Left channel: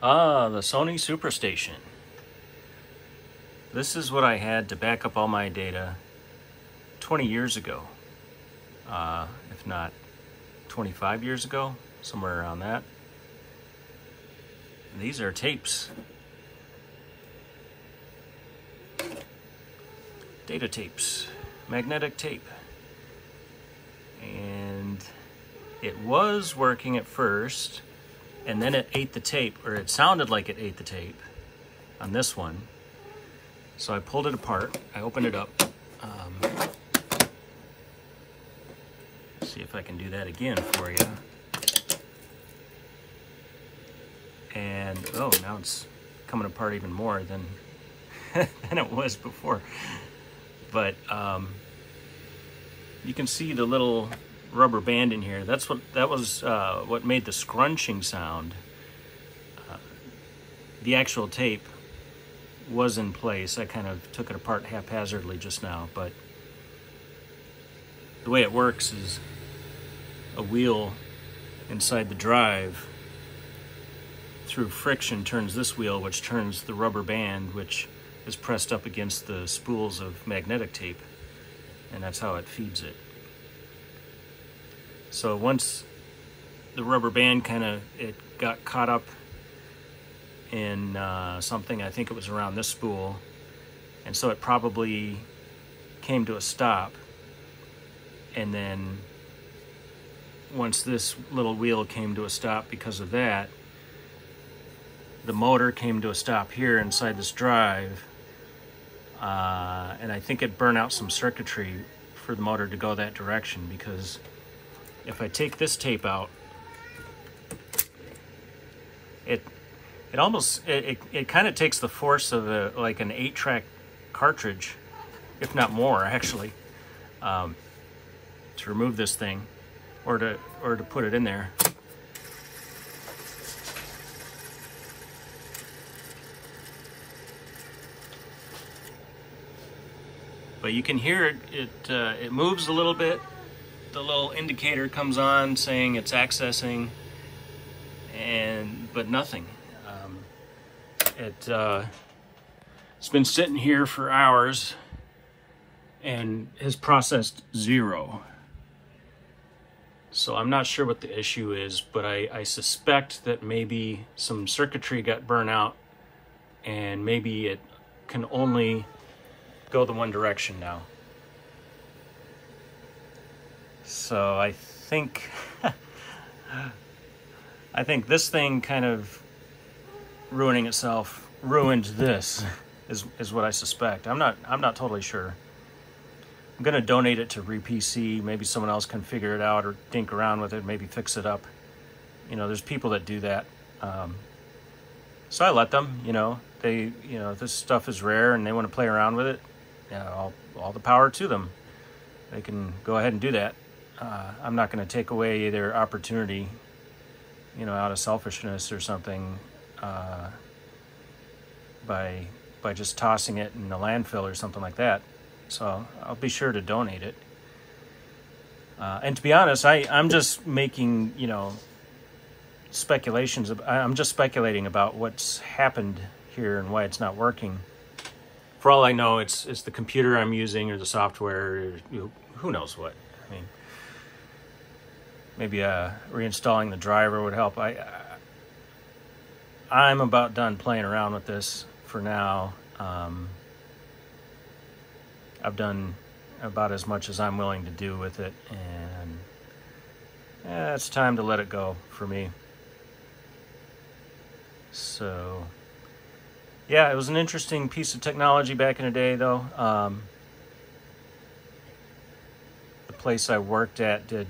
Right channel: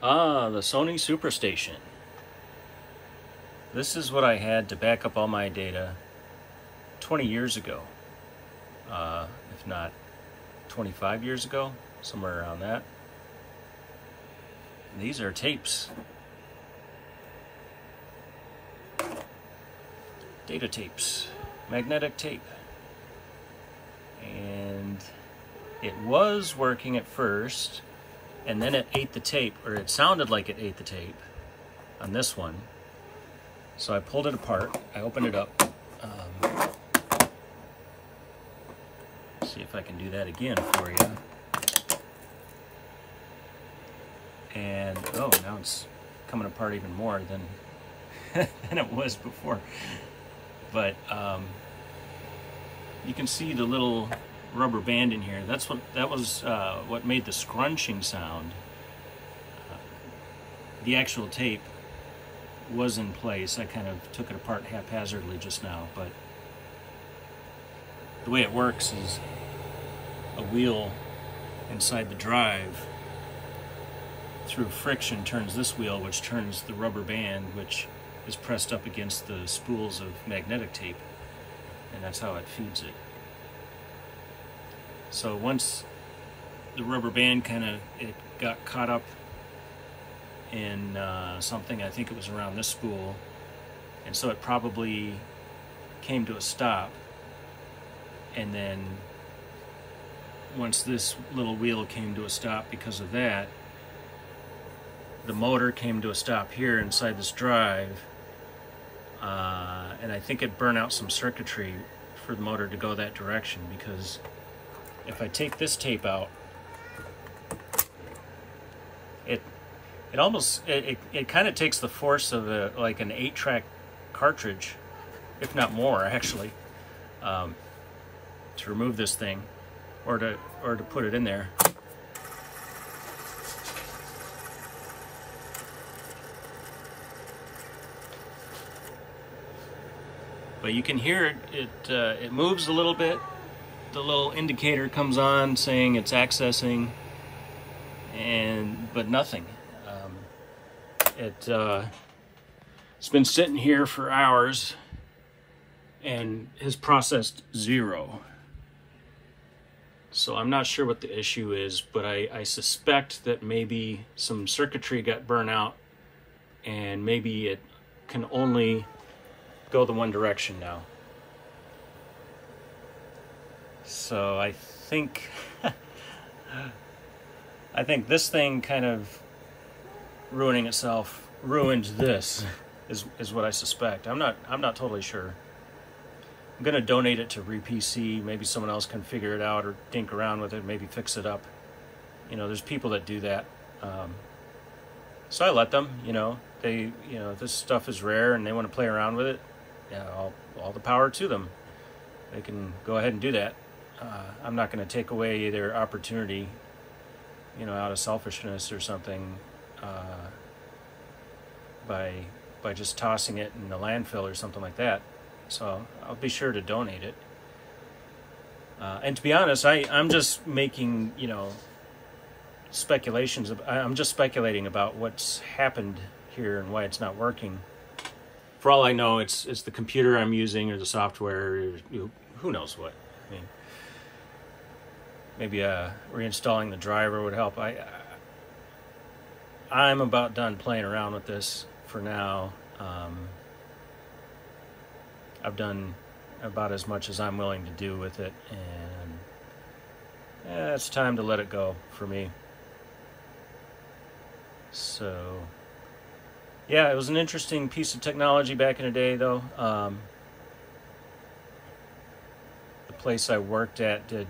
Ah, the Sony SuperStation. This is what I had to back up all my data 20 years ago, if not 25 years ago, somewhere around that. These are tapes. Data tapes, magnetic tape. And it was working at first, and then it ate the tape, or it sounded like it ate the tape on this one. So I pulled it apart, I opened it up. See if I can do that again for you. And, oh, now it's coming apart even more than, than it was before. But you can see the little rubber band in here. That was what made the scrunching sound. The actual tape was in place. I kind of took it apart haphazardly just now, but the way it works is a wheel inside the drive through friction turns this wheel, which turns the rubber band, which is pressed up against the spools of magnetic tape, and that's how it feeds it. So once the rubber band it got caught up in something, I think it was around this spool, and so it probably came to a stop, and then once this little wheel came to a stop because of that, the motor came to a stop here inside this drive, and I think it burned out some circuitry for the motor to go that direction, because if I take this tape out, it kind of takes the force of like an 8-track cartridge, if not more actually, to remove this thing or to put it in there. But you can hear it moves a little bit. The little indicator comes on saying it's accessing, but nothing. It's been sitting here for hours and has processed 0. So I'm not sure what the issue is, but I suspect that maybe some circuitry got burnt out, and maybe it can only go the one direction now. So I think I think this thing kind of ruining itself ruined this is what I suspect. I'm not totally sure. I'm gonna donate it to RePC. Maybe someone else can figure it out or dink around with it, maybe fix it up. You know, there's people that do that. So I let them, this stuff is rare and they want to play around with it. All the power to them. They can go ahead and do that. I'm not going to take away their opportunity, out of selfishness or something, by just tossing it in the landfill or something like that. So I'll be sure to donate it. And to be honest, I'm just making, speculations. I'm just speculating about what's happened here and why it's not working. For all I know, it's the computer I'm using or the software, or who knows what. I mean, maybe reinstalling the driver would help. I'm about done playing around with this for now. I've done about as much as I'm willing to do with it, and it's time to let it go for me. So yeah, it was an interesting piece of technology back in the day, though. The place I worked at did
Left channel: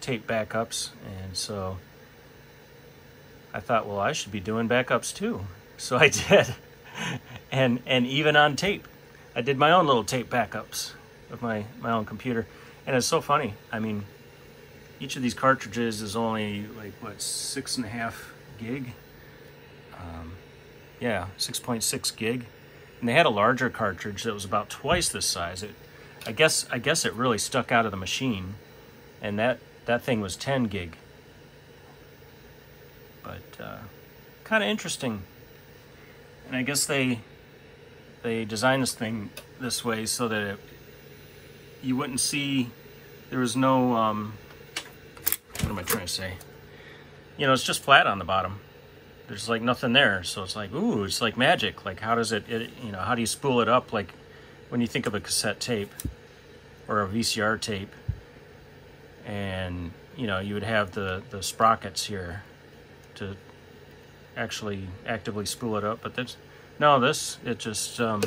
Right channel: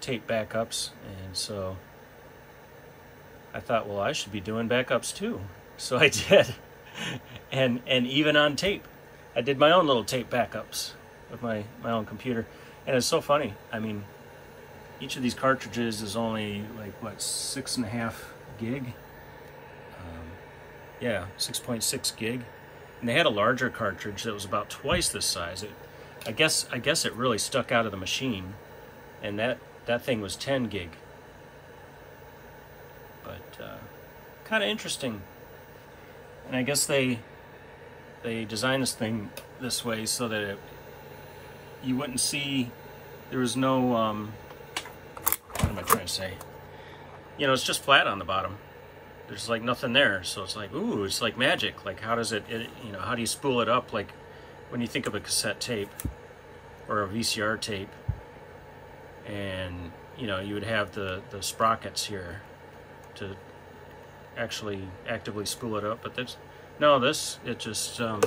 tape backups, and so I thought, well, I should be doing backups too. So I did, and even on tape, I did my own little tape backups with my own computer, and it's so funny. I mean, each of these cartridges is only like what, 6.5 gig. Yeah, 6.6 gig, and they had a larger cartridge that was about twice this size. I guess it really stuck out of the machine, and that thing was 10 gig. But kind of interesting. And I guess they designed this thing this way so that you wouldn't see, there was no, what am I trying to say? You know, it's just flat on the bottom. There's like nothing there. So it's like, ooh, it's like magic. Like how does it you know, how do you spool it up? Like when you think of a cassette tape or a VCR tape, and you know, you would have the sprockets here to actually actively spool it up. But that's, no, this, it just, it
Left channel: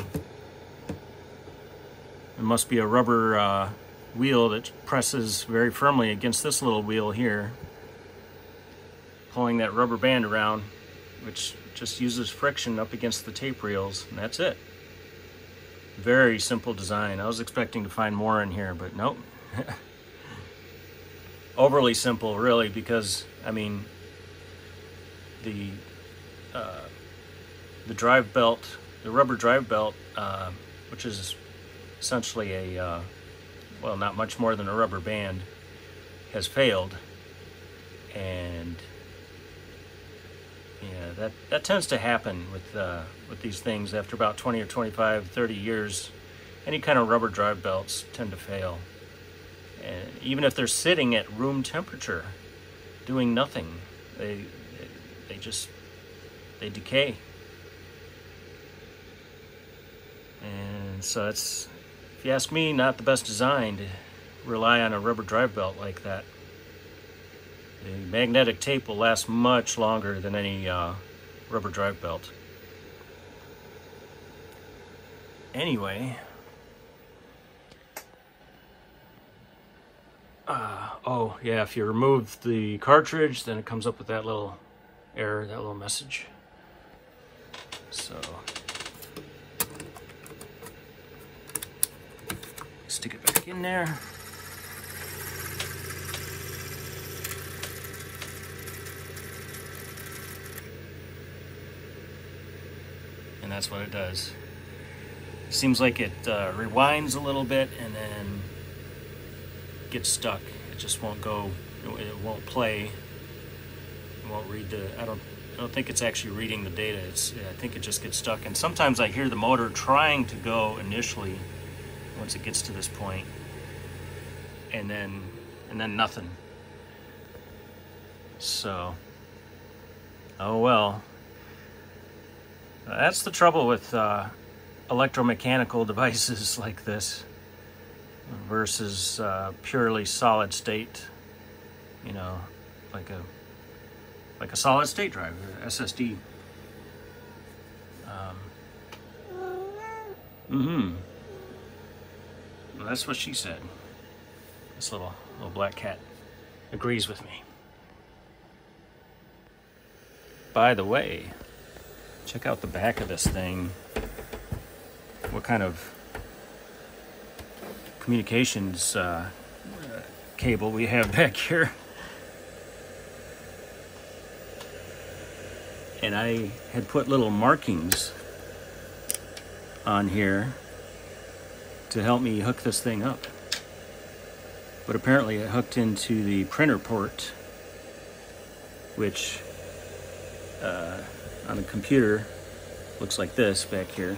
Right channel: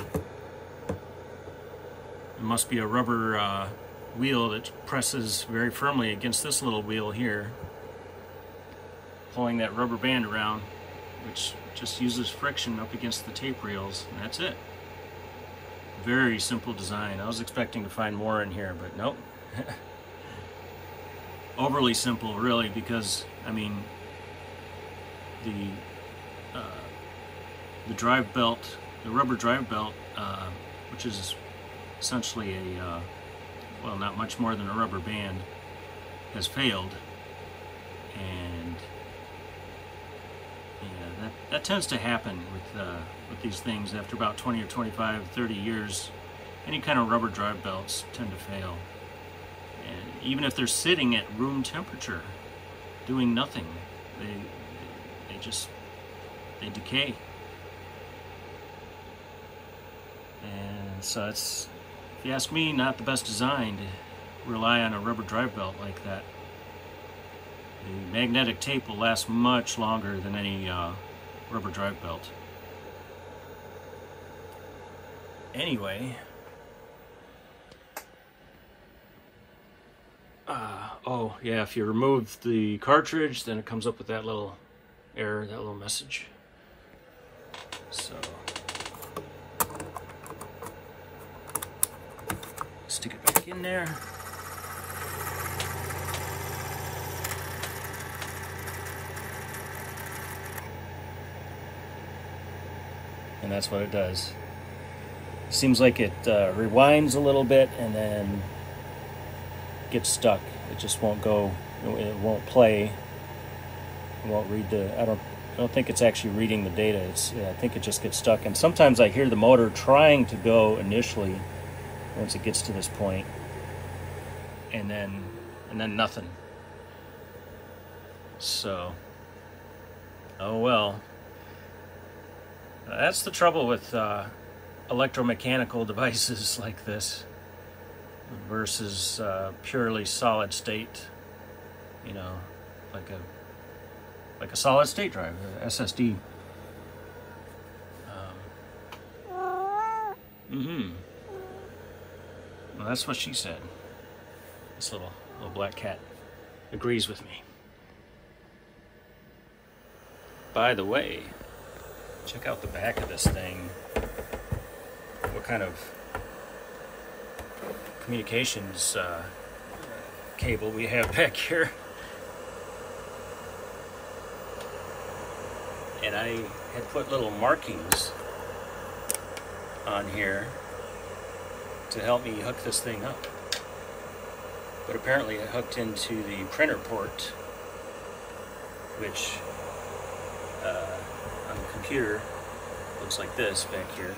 must be a rubber wheel that presses very firmly against this little wheel here, pulling that rubber band around, which just uses friction up against the tape reels, and that's it. Very simple design. I was expecting to find more in here, but nope. Overly simple, really, because, I mean, the drive belt, the rubber drive belt, which is essentially a, well, not much more than a rubber band, has failed. And yeah, that tends to happen with these things. After about 20 or 25, 30 years, any kind of rubber drive belts tend to fail. And even if they're sitting at room temperature, doing nothing, they decay. And so it's, if you ask me, not the best design to rely on a rubber drive belt like that. The magnetic tape will last much longer than any rubber drive belt. Anyway, oh yeah, if you remove the cartridge, then it comes up with that little error, that little message. So stick it back in there. And that's what it does. Seems like it rewinds a little bit and then gets stuck. It just won't go, it won't play. It won't read the, I don't think it's actually reading the data. I think it just gets stuck. And sometimes I hear the motor trying to go initially once it gets to this point, and then nothing. So, oh well. That's the trouble with electromechanical devices like this versus purely solid state, you know, like a solid state drive, the SSD. Well, that's what she said. This little black cat agrees with me. By the way, check out the back of this thing. What kind of communications cable we have back here. And I had put little markings on here to help me hook this thing up. But apparently it hooked into the printer port, which on the computer looks like this back here.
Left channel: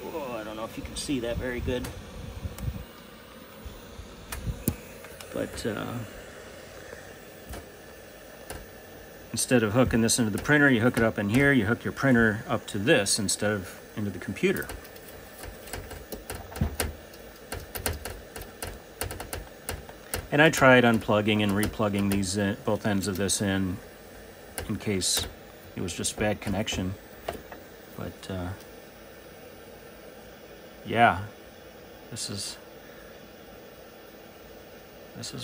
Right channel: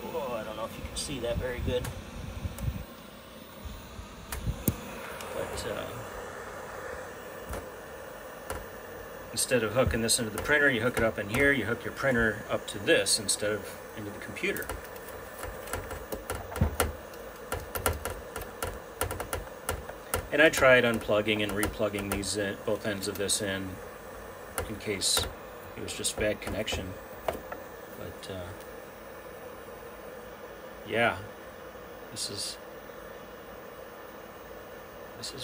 I don't know if you can see that very good. But instead of hooking this into the printer, you hook it up in here, you hook your printer up to this instead of into the computer. And I tried unplugging and replugging these both ends of this in case it was just bad connection. But yeah, this is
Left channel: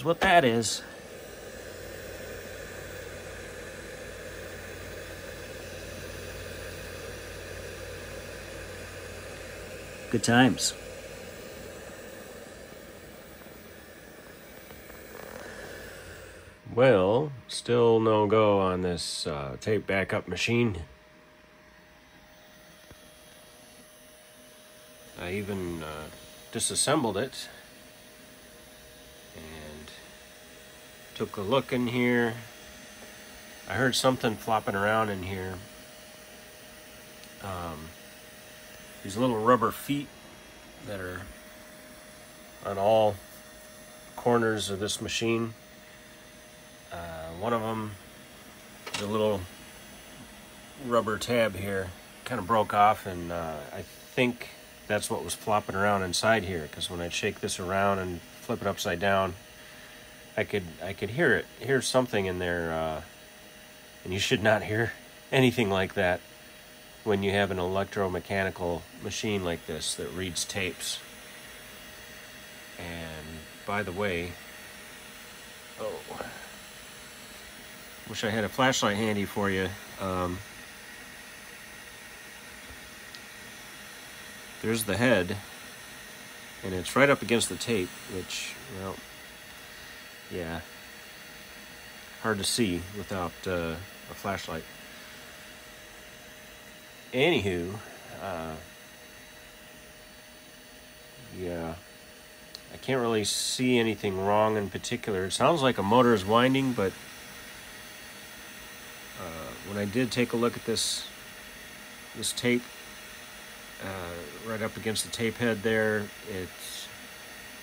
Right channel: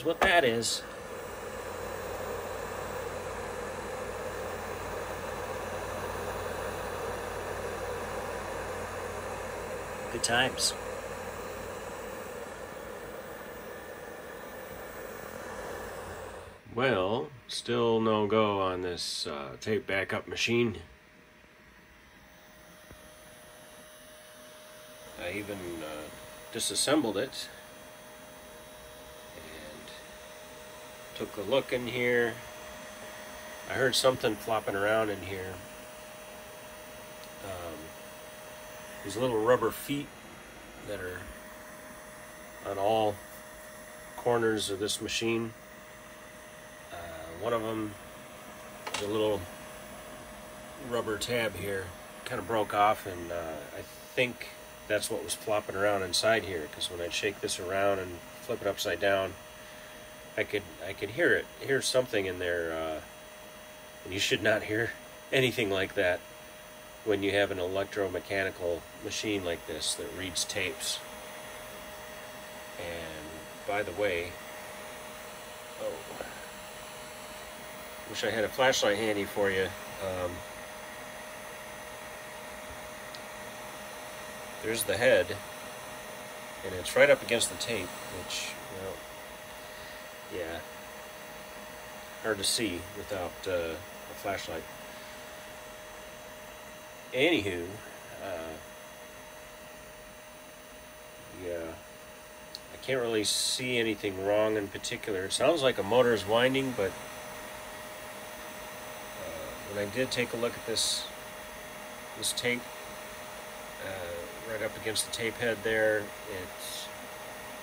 what that is. Good times. Well, still no go on this tape backup machine. I even disassembled it and took a look in here. I heard something flopping around in here. These little rubber feet that are on all corners of this machine. One of them, the little rubber tab here, kind of broke off, and I think that's what was flopping around inside here, because when I shake this around and flip it upside down, I could hear something in there, and you should not hear anything like that when you have an electromechanical machine like this that reads tapes. And by the way, wish I had a flashlight handy for you. There's the head, and it's right up against the tape, which, well, yeah, hard to see without a flashlight. Anywho, yeah, I can't really see anything wrong in particular. It sounds like a motor is winding, but when I did take a look at this tape, right up against the tape head there, it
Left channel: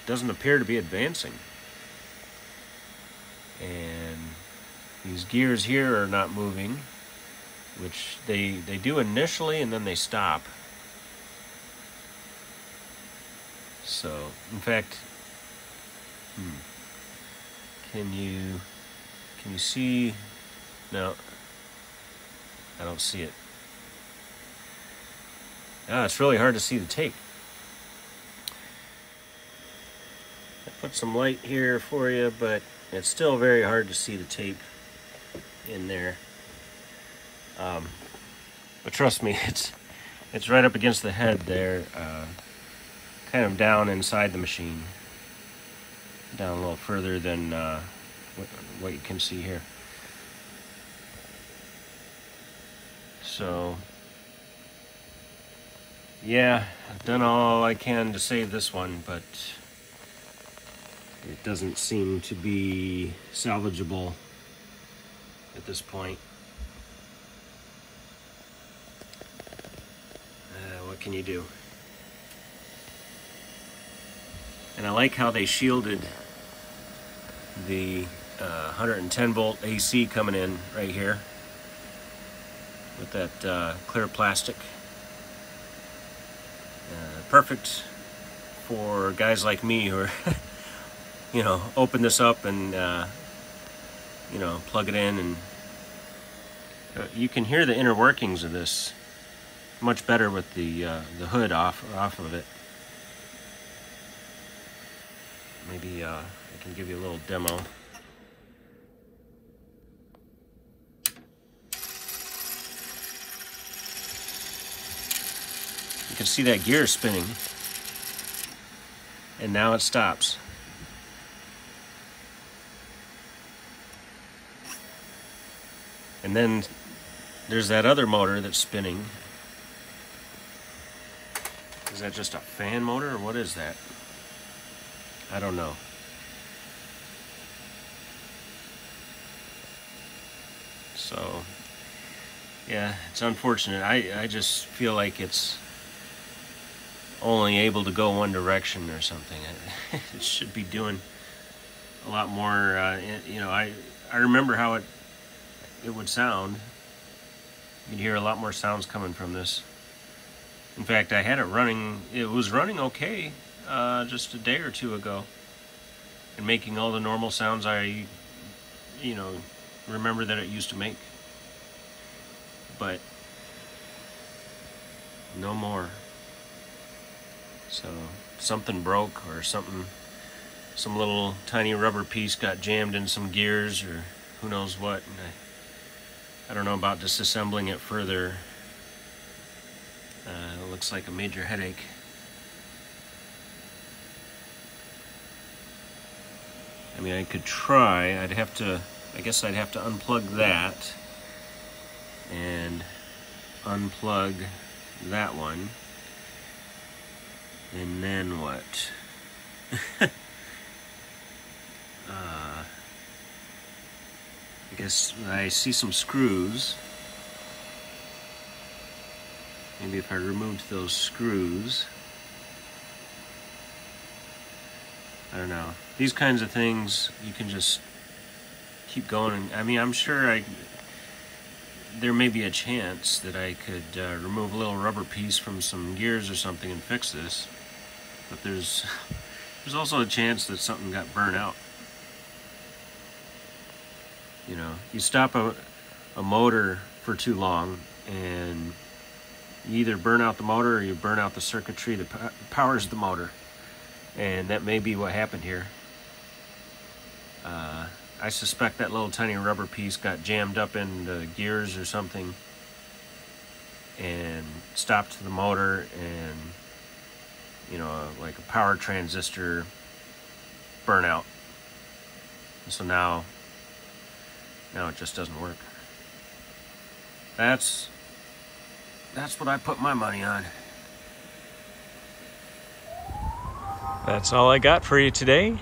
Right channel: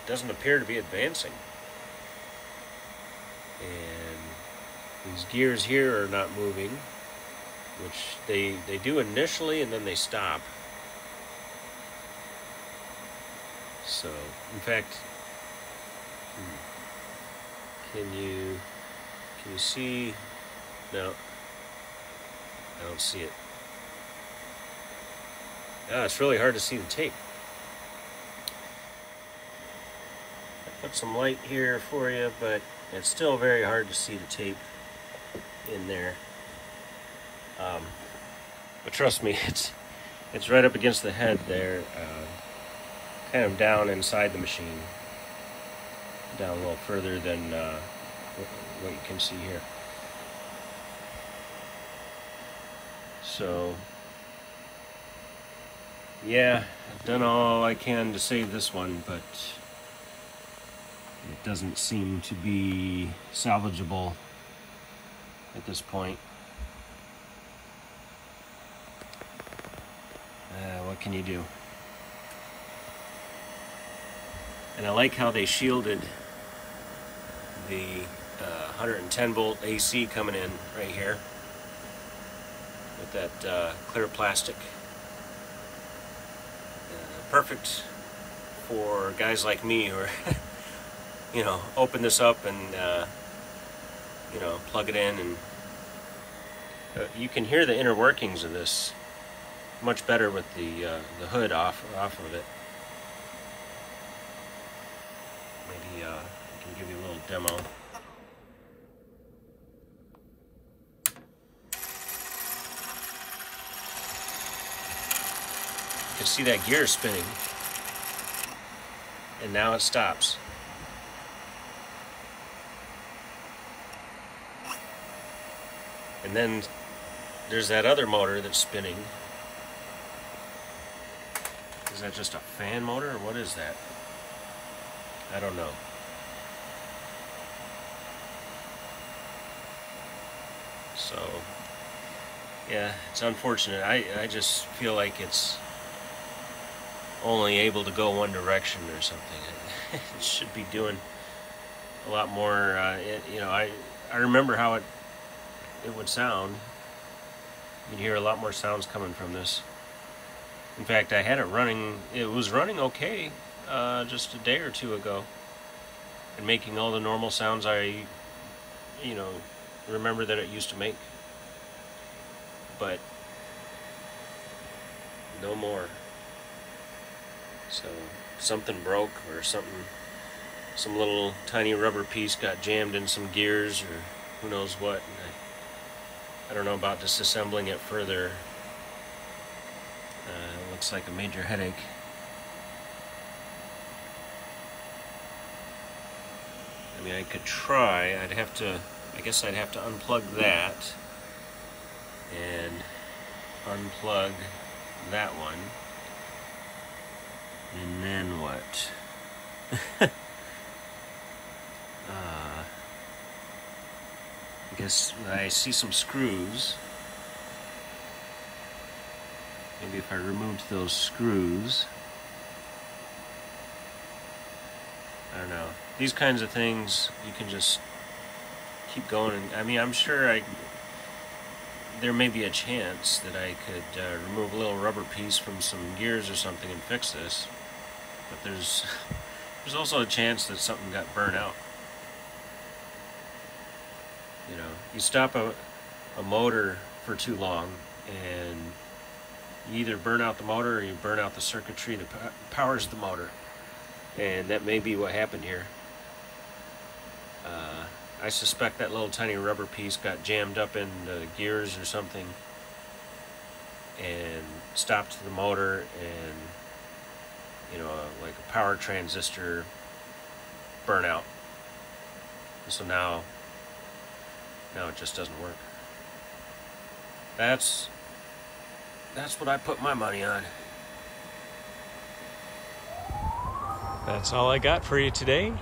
doesn't appear to be advancing. And these gears here are not moving, which they do initially, and then they stop. So, in fact, can you see? No, I don't see it. It's really hard to see the tape. I put some light here for you, but it's still very hard to see the tape in there. But trust me, it's right up against the head there, kind of down inside the machine, down a little further than what you can see here. So, yeah, I've done all I can to save this one, but it doesn't seem to be salvageable at this point. What can you do? And I like how they shielded the 110 volt AC coming in right here with that clear plastic. Perfect for guys like me who are, you know, open this up and, you know, plug it in, and you can hear the inner workings of this much better with the hood off of it. Maybe I can give you a little demo. You can see that gear spinning, and now it stops. And then there's that other motor that's spinning. Is that just a fan motor, or what is that? I don't know. So, yeah, it's unfortunate. I just feel like it's only able to go one direction or something. It should be doing a lot more. You know, I remember how it would sound. You'd hear a lot more sounds coming from this. In fact, I had it running. It was running okay just a day or two ago, and making all the normal sounds I, you know, remember that it used to make. But no more. So something broke, or something, some little tiny rubber piece got jammed in some gears, or who knows what. And I don't know about disassembling it further. It looks like a major headache. I mean, I could try. I guess I'd have to unplug that and unplug that one. And then what? is I see some screws. Maybe if I removed those screws. I don't know. These kinds of things, you can just keep going. I mean, I'm sure there may be a chance that I could remove a little rubber piece from some gears or something and fix this. But there's also a chance that something got burnt out. You know, you stop a motor for too long and you either burn out the motor or you burn out the circuitry that powers the motor. And that may be what happened here. I suspect that little tiny rubber piece got jammed up in the gears or something and stopped the motor, and you know, like a power transistor burnout. So now it just doesn't work. That's what I put my money on. That's all I got for you today.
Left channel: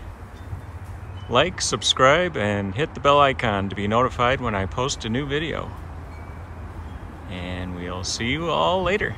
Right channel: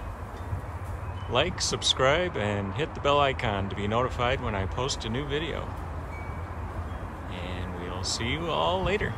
Like, subscribe, and hit the bell icon to be notified when I post a new video. And we'll see you all later.